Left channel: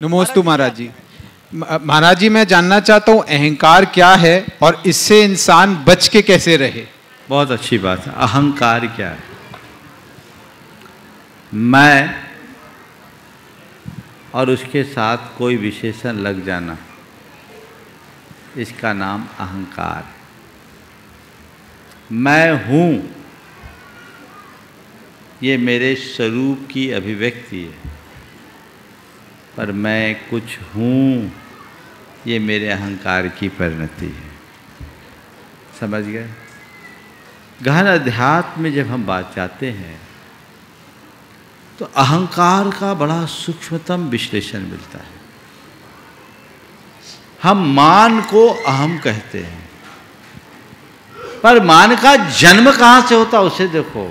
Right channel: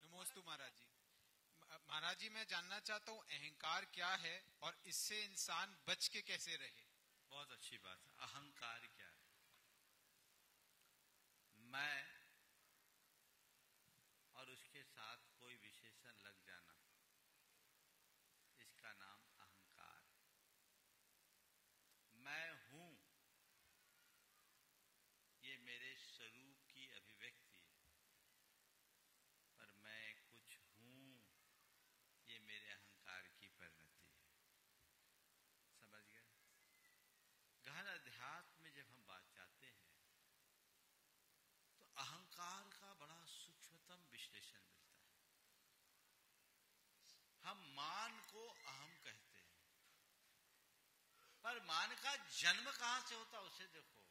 नमोस्तु महाराज जी। महाराज जी, मैं जानना चाहता हूँ अहंकार क्या है और इससे इंसान बच के कैसे रहे। बहुत अच्छी बात है। अहंकार क्या है? मैं और उसके साथ कोई विशेषण लग जाना, इसका नाम अहंकार। मैं हूँ, ये मेरे स्वरूप की अभिव्यक्ति है, पर मैं कुछ हूँ, ये मेरे अहंकार की परिणति है। समझ गए? गहन अध्यात्म में जब हम बात जाते हैं तो अहंकार का बड़ा सूक्ष्मतम विश्लेषण मिलता है। हम मान को अहम कहते हैं, पर मान का जन्म कहाँ से होता उसे देखो।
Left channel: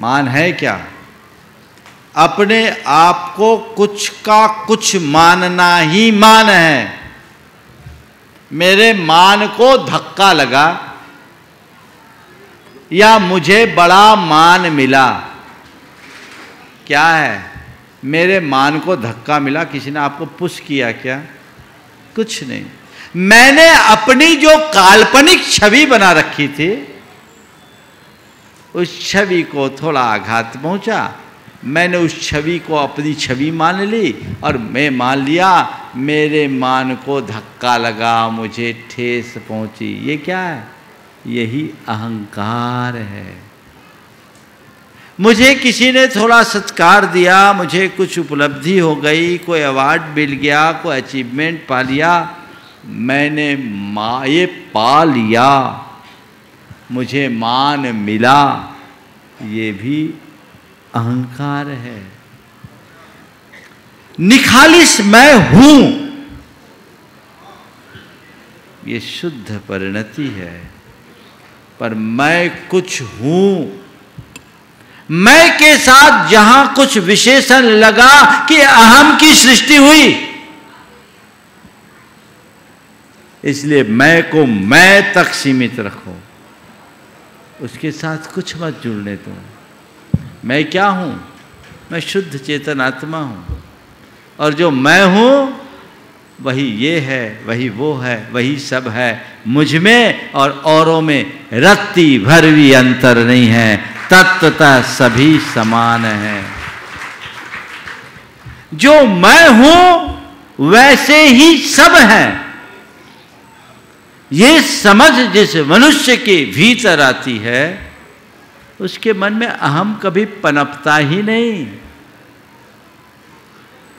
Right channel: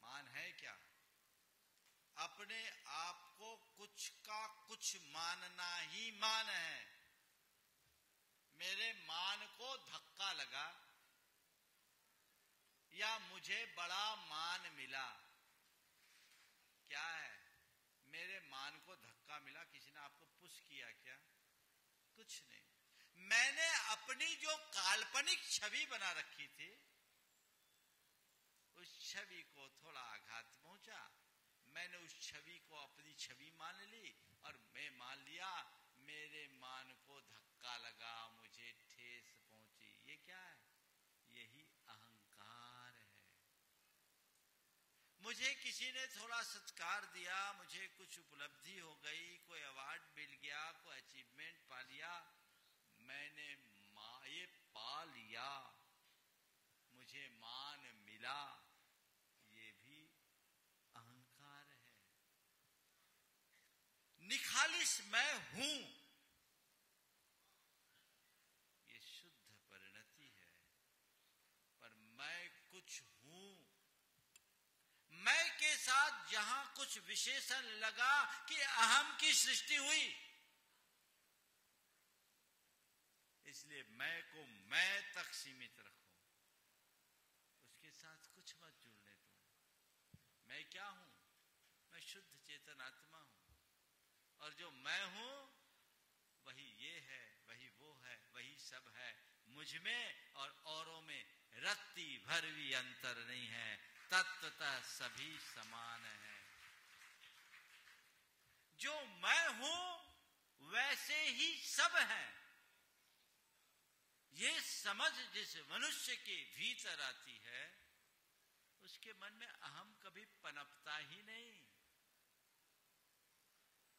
मान है क्या? अपने आप को कुछ का कुछ मानना ही मान है। मेरे मान को धक्का लगा या मुझे बड़ा मान मिला, क्या है? मेरे मान को धक्का मिला। किसी ने आपको पुश किया क्या? कुछ नहीं। मैंने अपनी जो काल्पनिक छवि बना रखी थी, उस छवि को थोड़ा आघात पहुंचा। मैंने उस छवि को अपनी छवि मान ली और मैं मान लिया। मेरे मान को धक्का लगा, मुझे ठेस पहुंची। ये क्या है? यही अहंकार है। मुझे किसी ने थोड़ा सत्कार दिया, मुझे कुछ उपलब्धि हो गई, कोई अवार्ड मिल गया, कोई अचीवमेंट पा लिया, मैंने ये पा लिया, मुझे मान मिला, ये भी अहंकार है। निखालिस मैं हूं, ये शुद्ध परिणति है। पर मैं कुछ हूं, मैं के साथ जहां कुछ विशेषण लगा कि अहम की सृष्टि हुई, इसलिए मैं को मैं तक सीमित रखो, उसके साथ कुछ मत जुड़ने दो। मैं क्या हूं? मैं शुद्ध चेतन आत्मा हूं, और जो मैं हूं वही ये है, वही वो है, वही सब है। मुझ में और औरों में रत्ती भर भी अंतर नहीं है, तत्वतः सभी समान है। जो मैं हूं वैसे ही सब है। ये समझ जिस मनुष्य के भीतर आती है, उसके मन में अहम कभी पनपता ही नहीं।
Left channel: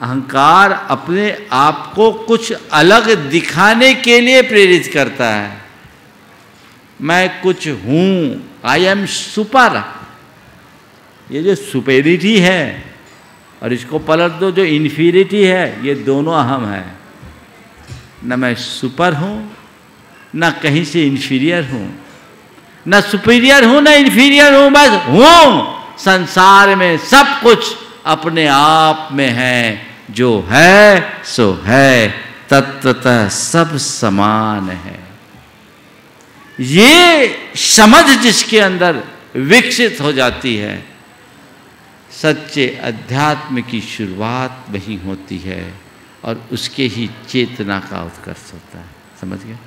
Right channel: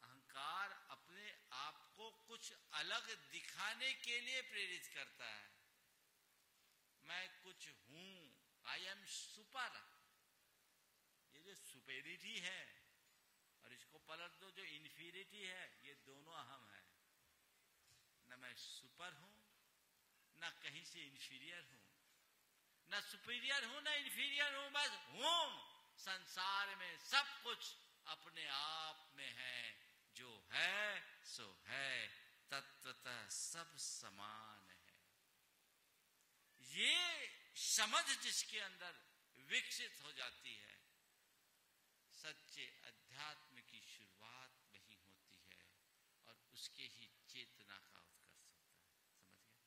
अहंकार अपने आप को कुछ अलग दिखाने के लिए प्रेरित करता है। मैं कुछ हूं, आई एम सुपर। ये जो सुपेरिटी है, और इसको पलट दो जो इन्फीरिटी है, ये दोनों अहम है। न मैं सुपर हूं, न कहीं से इन्फीरियर हूं, न सुपीरियर हूं, न इन्फीरियर हूं, बस हूं। संसार में सब कुछ अपने आप में है। जो है सो है, तत्वतः सब समान है। ये समझ जिसके अंदर विकसित हो जाती है, सच्चे अध्यात्म की शुरुआत वहीं होती है, और उसके ही चेतना का उत्कर्ष होता है। समझ गए?